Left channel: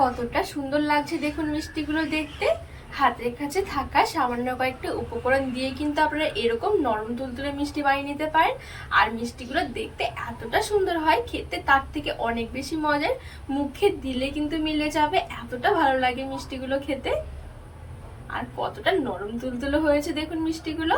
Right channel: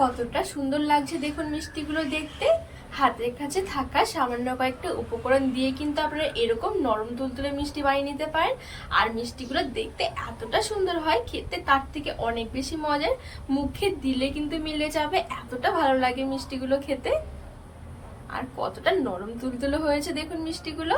কতটা সুন্দর লাগছে দেখুন মিষ্টিগুলো দেখতে। হাতের কাছে থাকা সামান্য কয়েকটা উপকরণ দিয়ে কিন্তু আপনারা এরকম নরম তুলতুলে মিষ্টি বানিয়ে নিতে পারেন। আর মিষ্টিগুলো দেখতে এতটা সুন্দর হয়, খেতে তার থেকে অনেক বেশি মজার। মুখে দিলে কিন্তু মিলে যাবে, এতটা ভালো লাগে মিষ্টিগুলো খেতে। আর কতটা নরম তুলতুলে হয়েছে দেখুন মিষ্টিগুলো।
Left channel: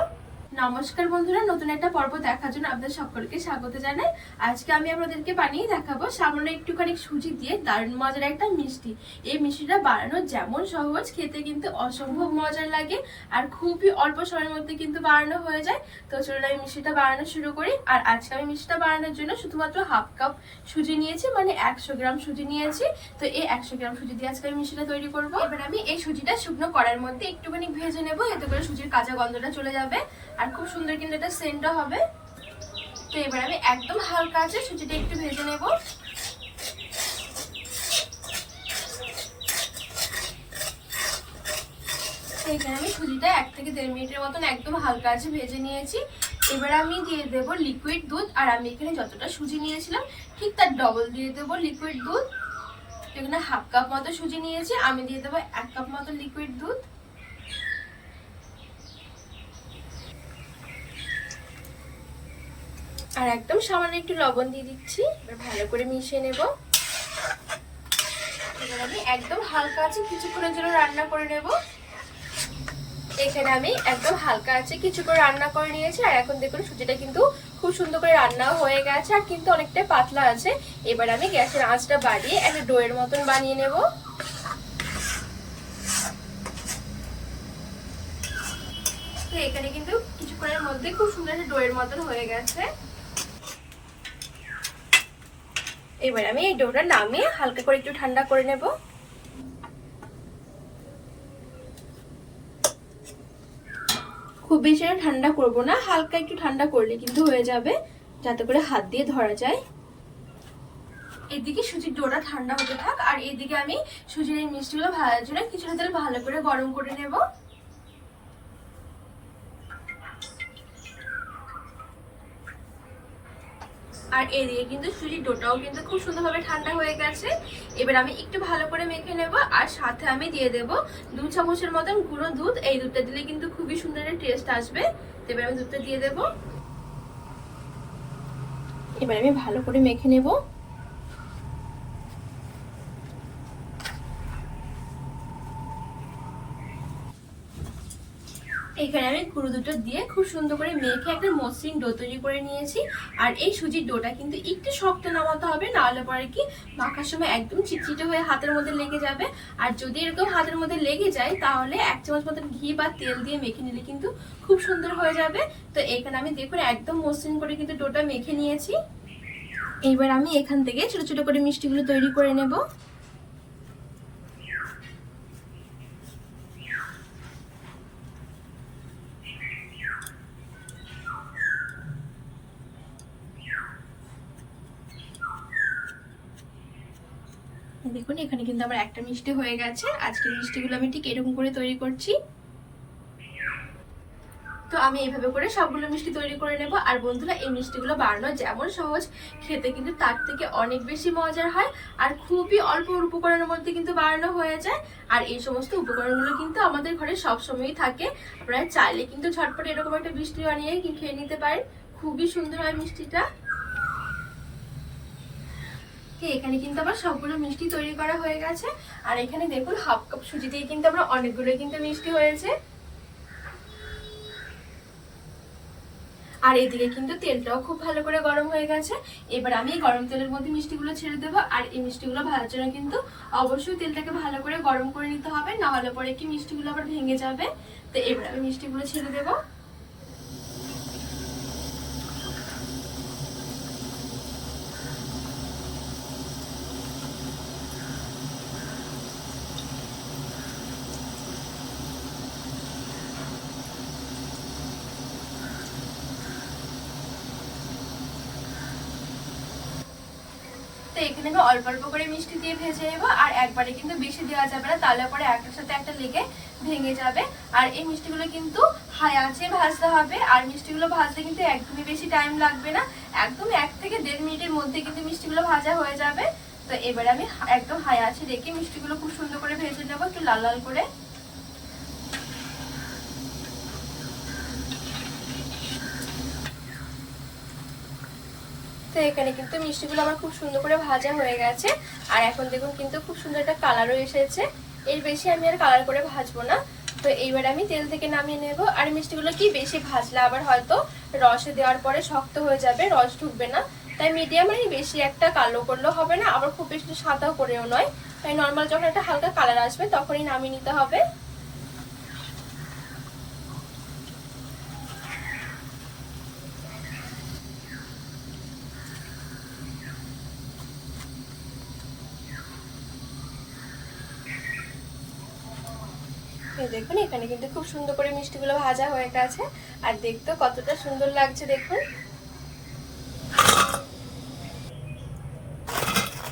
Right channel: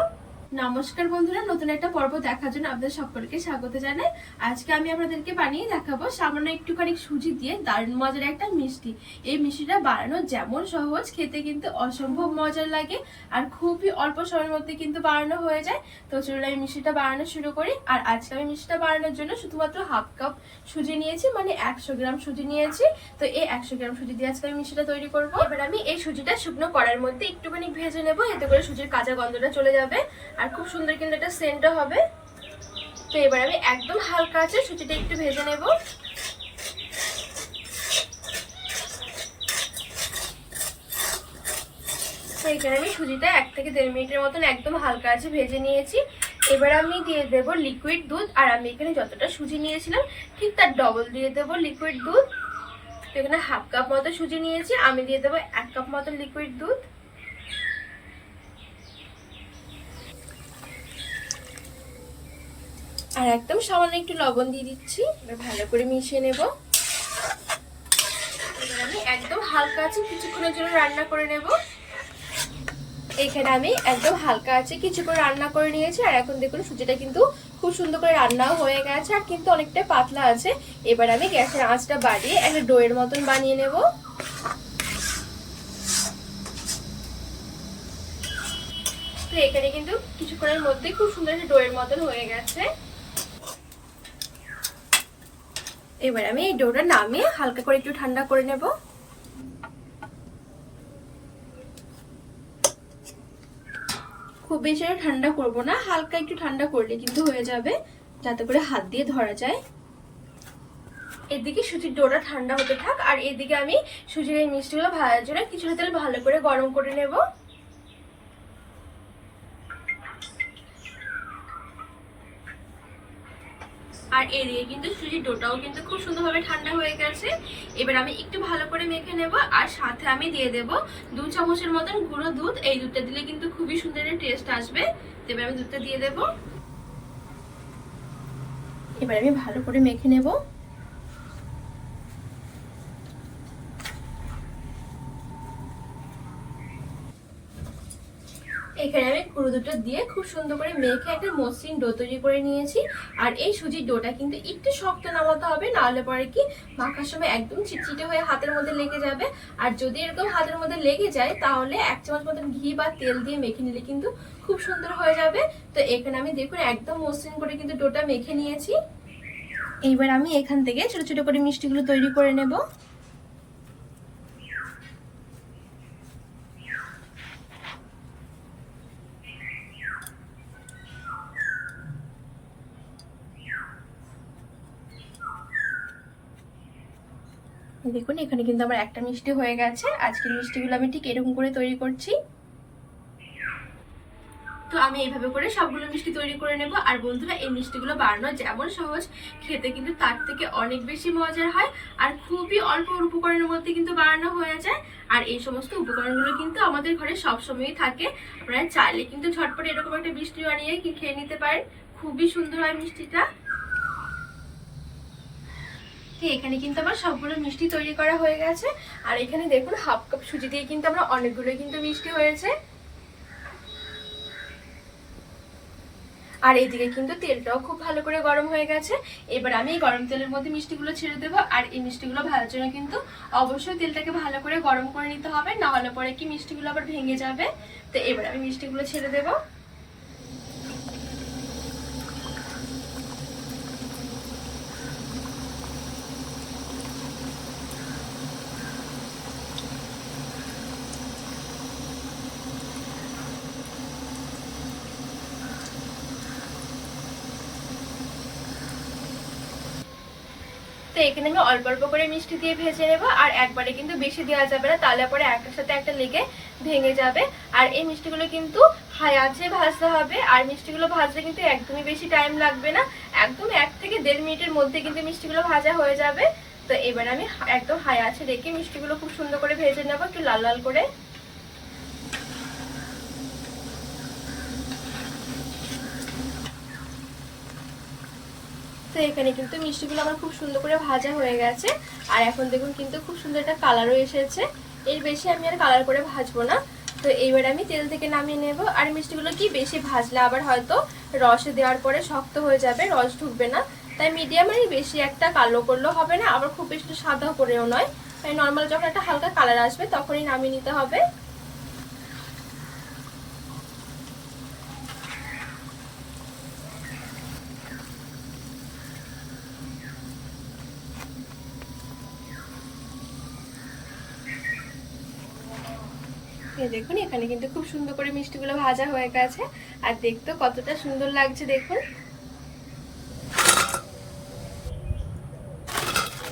নমস্কার বন্ধুরা, নতুন একটা পর্ব দেখার জন্য আপনাদের সকলকে স্বাগত জানাই। আজকে আমি আপনাদেরকে বানিয়ে দেখাবো সামান্য একটুখানি সুজি দিয়ে দারুণ মজার একটা মিষ্টি। এই মিষ্টিটা বানানো যেমন সহজ, খেতে কিন্তু অসম্ভব মজার লাগে আর খুবই অল্প সময়ের মধ্যে কিন্তু বানানো হয়ে যায়। তো চলুন আমি মিষ্টিটা বানানো শুরু করি। আর আজকে আমি মিষ্টিটা বানানোর জন্য শুধুমাত্র হাফ কাপ সুজি নিয়েছি মানে একশো গ্রাম সুজি নিয়েছি। তো এই একশো গ্রাম সুজি দিয়ে আজকে আমি মিষ্টিটা তৈরি করব। এবার আমি এই সুজিটা শুকনো কড়াইয়ের মধ্যে একটুখানি ভেজে নেব, এতে করে সুজির কাঁচা গন্ধটা চলে যাবে। আর খুব সুন্দর কিন্তু একটা সেন্টও হবে। তো এবার আমি একদম হালকা আছে সুজিটা একটু ভেজে নেব। এখানে আমি সুজিটা এক থেকে দেড় মিনিটের মতন একদম হালকা আছে ভেজে নিয়েছি। এবার আমি দিয়ে দেব লিকুইড দুধ, আর আমি এখানে যতটা সুজি নিয়েছিলাম, ঠিক তার ডবল দিয়ে দেব লিকুইড দুধ। এখানে হাফ কাপ মতো সুজি নিয়েছি, আমি দিয়ে দেবো এক কাপ মতো লিকুইড দুধ। আর একদম সামান্য একটু লবণ দিয়ে দিচ্ছি। এবার ভালো করে মিশিয়ে নেব। আমি একদম হালকা আছে কিছুক্ষণের জন্য রান্না করে নেব। এখানে আমি একদম হালকা আছে কিছু করে রান্না করে নিয়েছি। আর এখন দেখুন, সুজিটা কিন্তু খুব সুন্দর করে রান্নাও হয়ে গেছে আর কিন্তু অনেকটাই পাতলা আছে। এবার আমি গ্যাসের আঁচটা বাড়িয়ে একটা ডোয়ের মতন বানিয়ে নেব। তো এখানে কিন্তু কিছুক্ষণের মধ্যে খুব সুন্দর একটা ডোয়ের মতন হয়ে গেছে। এবার আমি এই ডোটা নামিয়ে হালকা করে একটু ঠান্ডা করে নেব। খুব বেশি ঠান্ডা করব না, হালকা একটু ঠান্ডা করলে কিন্তু হয়ে যাবে, যাতে করে হাত দিয়ে ধরা যায়। এদিকে সুজির ডোটা ঠান্ডা হতে থাক, আর এদিকে আমি সুজির এই মিষ্টিগুলো ভাজার জন্য কিছুটা তেল ভালো করে গরম করে নেব। আর এদিকে কিন্তু সুজির ডোটাও কিন্তু খুব সুন্দরভাবে ঠান্ডা হয়ে গেছে। এবার আমি একটু ভালো করে মেখে নেব আর সাথে আমি দিয়ে দেব দু চামচের মতন গুঁড়ো দুধ। এই দুধটা দিলে কিন্তু খুবই সুন্দর টেস্ট আসবে। এবার আমি দুধটা দিয়ে দেব। এবার আমি ভালো করে মেখে নেব। আমি গুঁড়ো দুটো দিয়ে খুব সুন্দর করে মেখে একটা মসৃণ ডো তৈরি করে নিয়েছি। আর এই সুজির ডোটা কিন্তু একটু শক্ত নামাতে হবে, নাহলে পরে কি মাখার সময় একদম চিটচিটে হয়ে হাতের মধ্যে লেগে যাবে। আর যদি এরকম হাতের মধ্যে লেগে যায়, তাহলে এক চামচ মতন ঘি বা তেল দিয়ে মেখে নিলে কিন্তু খুব সুন্দর হয়ে যাবে। তো এখানে আমি দেখুন একদম মসৃণ করে কিন্তু ডোটা মেখে নিয়েছি। এইবার আমি এখান থেকে ছোট ছোট করে মিষ্টিগুলো তৈরি করে নেব। দেখুন, এখানে কিন্তু আমার একটা মিষ্টি হয়ে গেছে। আজকের মিষ্টিগুলো আমি ঠিক এরকম করে তৈরি করছি। তো আমি এইভাবে করে সবগুলো মিষ্টি তৈরি করে নেব। আর বন্ধুরা, এই মিষ্টিগুলো বানানো যেমন সহজ, খেতে কিন্তু তার থেকে অনেক বেশি মজার হয়। আর খুবই অল্প উপকরণের মধ্যে কিন্তু বানানো হয়ে যায়। আর এই সমস্ত উপকরণগুলো কিন্তু আমাদের ঘরে সবসময়ই থাকে। আপনারা চাইলে কিন্তু ঝটপট এরকম একটা মিষ্টি বানিয়ে খেয়ে নিতে পারেন। খুবই সুন্দর হয় মিষ্টিটা। এখানে কিন্তু আমার সবগুলো মিষ্টি তৈরি করা হয়ে গেছে। আর এখানে দেখুন, হাফ কাপ সুজি দিয়ে কিন্তু আমরা অনেকগুলো কিন্তু মিষ্টি হয়েছে। আর এদিকে কিন্তু তেলটাও খুব ভালো করে গরম হয়ে গেছে। এবার আমি এই গরম তেলের মধ্যে মিষ্টিগুলো ছেড়ে দেবো। আর এই মিষ্টিগুলো ভাজার জন্য কিন্তু অবশ্যই তেলটাকে ভালো করে গরম করে নিতে হবে। না হলে পরে কি মিষ্টিগুলো আবার ভেঙে যাবে। তো এবার আমি মিষ্টিগুলো ছেড়ে দেবো। তো এখানে আমি অল্প অল্প করে মিষ্টি দিয়ে ভেজে নেব, আর একবারে কিন্তু বেশি দেওয়া যাবে না, তাহলে পরে একটার সাথে একটা লেগে ভেঙে যাবে। আর এই মিষ্টিগুলো কিন্তু হাই ভাজতে হবে, আর মিষ্টিগুলো ভাজতে কিন্তু একদমই বেশি টাইম লাগবে না। একদম এক থেকে দেড় মিনিটের মধ্যে কিন্তু মিষ্টিগুলো ভাজা হয়ে যাবে। তো তো এবার আমি একদম হাই আছে রেখে মিষ্টিগুলো খুব সুন্দর করে ভেজে নেব, একটু লাল লাল করে। তো এখানে কিন্তু মিষ্টিগুলো আমার খুব সুন্দর করে ভাজা হয়ে গেছে। আর এখন দেখুন কিন্তু খুব সুন্দর একটা কালারও এসেছে। এর বেশি আমি আর কালার করে ভাজবো না। তো এইবার আমি তেল থেকে নামিয়ে নেব। আর মিষ্টিগুলো কি বেশি ভাজলে আবার হয়তো রসে দেওয়ার পরে শক্ত হয়ে যাবে, রস ঢুকবে না। তাই মিডিয়াম আর বেশি একটা কালো করলেও হবে না, আবার খুব বেশি সাদাও করেও নয়। তাই নর্মাল যখন একটা হালকা কালার আসবে তখনই নামিয়ে নিতে হবে। দেখুন, এখানে কিন্তু খুব সুন্দর করে মিষ্টিগুলো ভাজা হয়ে গেছে। আর দেখতে কতটা সুন্দর লাগছে দেখুন।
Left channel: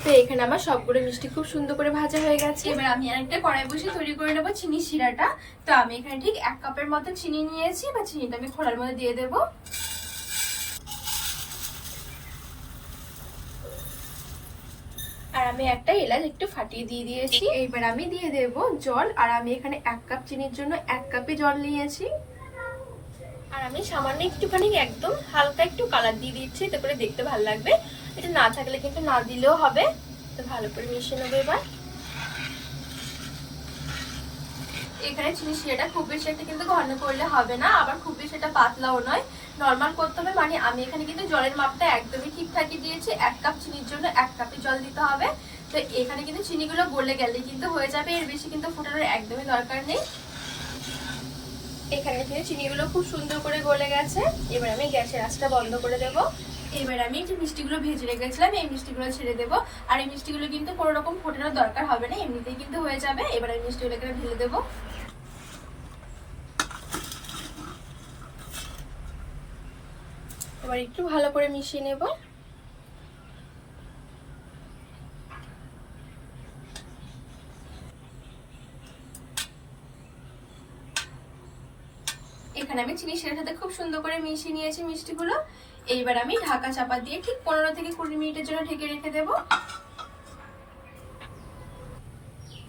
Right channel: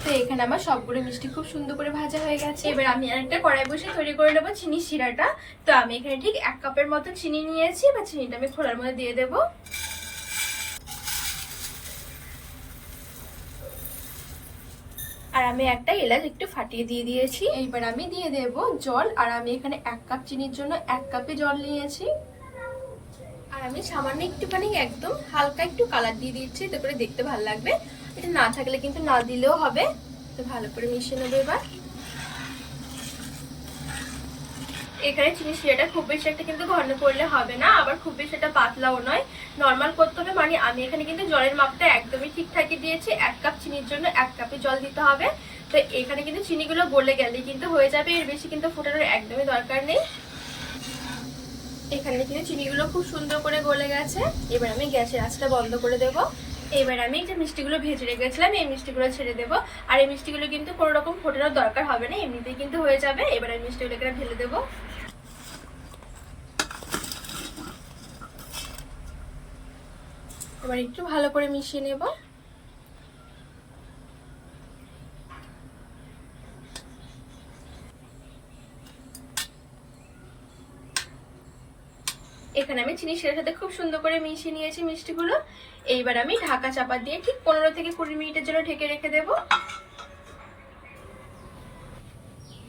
তো এখানে আমার সবগুলো মিষ্টি খুব সুন্দর করে ভাজা হয়ে গেছে। এবার আমি আরেকটা কড়াই বসে তৈরি করে নেব চিনি শিরাটা। তো আমি এখানে ঠিক এক কাপের মতো চিনি নিয়েছি বা চিনিটা আমি খোলার মধ্যে দিয়ে দেবো। আমি একটা এলাচ একটু ফাটিয়ে দিয়ে দিয়েছি। এইবার আমি দিয়ে দেব জল। আর আমি এখানে এক কাপ চিনির জন্য এক কাপে জল নিয়েছি। আর আমি সামান্য একটুখানি একদম হালকা একটু কালার দিয়ে দিচ্ছি, এতে করে দেখতে ভালো লাগবে। এটা না থাকলে কিন্তু না দিলেও হবে। তো ভালো করে মিশিয়ে নেব এবার। এখানে চিনি শিরাটা খুব বেশি একটা কিন্তু ঘন করলে হবে না, আবার খুব বেশি একটা পাতলাও নয়। নর্মাল করতে হবে মানে আমি এখানে কিন্তু জলের মাপটা একদমই ঠিকঠাকই দিয়েছি। এক কাপ চিনির জন্য এক কাপে জল দিতে হবে। তো এখানে কিন্তু চিনিগুলো গলে গেলে কিন্তু হয়ে যাবে, এর বেশি কিন্তু ফুটানোর একদমই দরকার নেই। এখানে কিন্তু চিনিগুলো খুব সুন্দর করে গলে গেছে। এবার আমি গ্যাসের আঁচটা বন্ধ করে দেবো। এবার আমি যে মিষ্টিগুলো ভেজে রেখেছিলাম, এই মিষ্টিগুলো ছেড়ে দেবো। আর এই মিষ্টিগুলো কিন্তু কোনো রকম ফোটানোর দরকার হবে না, এমনিতেই কিন্তু হয়ে যাবে। এবার আমি মিষ্টিগুলো এখানে ঢেলে দেবো। এবার একটু ভালো করে মিশিয়ে নেব। এখানে আমি চিনি সেটার সাথে খুব সুন্দর করে মিশিয়ে নিয়েছি মিষ্টিগুলো। এইবার আমি ঢাকা চাপা দিয়ে ঠিক পনেরো থেকে কুড়ি মিনিটের জন্য ঢেকে রেখে দেব।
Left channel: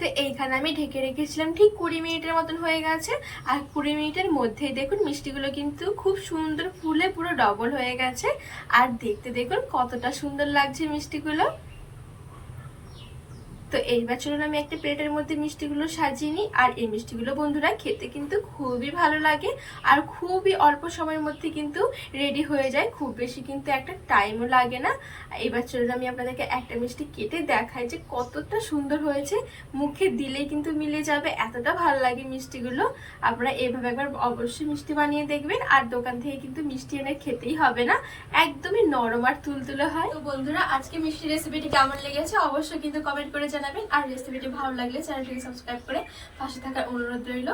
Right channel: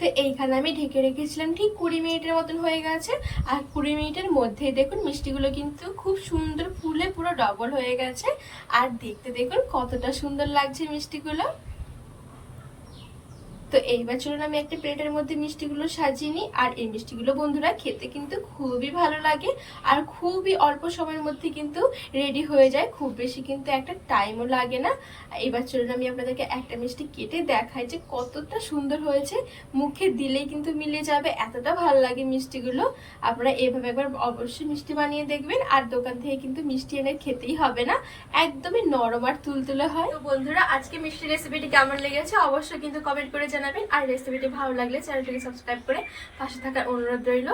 তো এইখানে আমি ঢেকে রেখেছিলাম, ঠিক কুড়ি মিনিটের মতন হয়ে গেছে। আর কুড়ি মিনিটের মধ্যেই দেখুন মিষ্টিগুলো কিন্তু খুব সুন্দর ফুলে পুরো ডবল হয়ে গেছে। আর দেখতে দেখুন কতটা সুন্দর লাগছে মিষ্টিগুলো। তো এইবার চলুন আমি একটা প্লেটের মধ্যে মিষ্টিগুলো সাজিয়ে নিই। আর এই মিষ্টিগুলো বন্ধুরা খেতে কিন্তু খুবই ভালো লাগে আর খুবই অল্প সময়ের মধ্যে কিন্তু রেডি হয়ে যায়। খুব বেশি কিন্তু একটা টাইমও লাগে না। এবার চলুন আমি আপনাদেরকে একটা মিষ্টি কেটে দেখাই যে কতটা সুন্দর হয়েছে। মুখে দিলেই কিন্তু মিলে যাবে, এতটা ভালো লাগে মিষ্টিগুলো। আপনারা এভাবে একবার অবশ্যই মিষ্টি বানিয়ে দেখবেন। আর দোকান থেকে কিন্তু মিষ্টি এনে খেতেই হবে না। একদমই নরম আর তুলতুলে হয়। বন্ধুরা, আজকে মিষ্টি রেসিপিটি কেমন লেগেছে অবশ্যই কিন্তু কমেন্ট করে জানাবেন। আর রেসিপিটি ভালো লাগলে চ্যানেলটিকে সাবস্ক্রাইব করে পাশে থাকার অনুরোধ রইল।